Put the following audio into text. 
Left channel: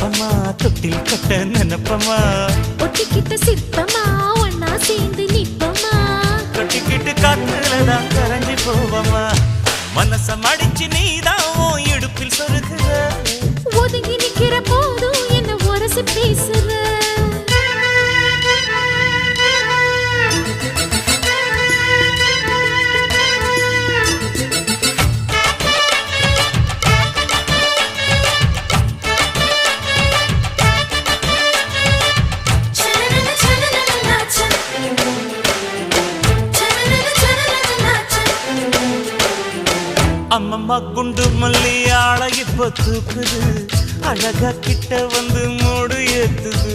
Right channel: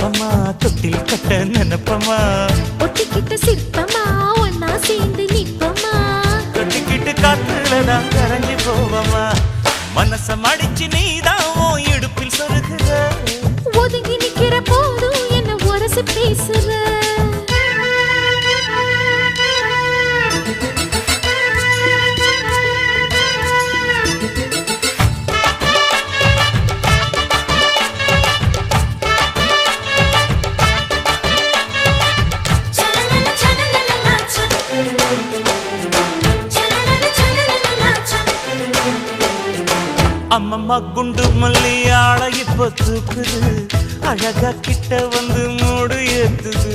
சிற்பமா தொட்டில் கட்ட நினைப்பமா ஒட்டிக்கிட்ட சிற்பமா ஒன்னா சேர்ந்து நிப்பமா தொட்டிக்கிட்டு காத்துலதான் கரைஞ்சி போவமா மனச மடிச்சு நீதான் உன் இடுப்பில் சொருகுற ஒதுங்கி நிக்கிற போதும் என்ன உரசி பேசுற அம்மம்மா குண்டு மல்லி ஆள இப்ப தூக்குது அழகா கிட்ட வந்து மூடு ஏத்துது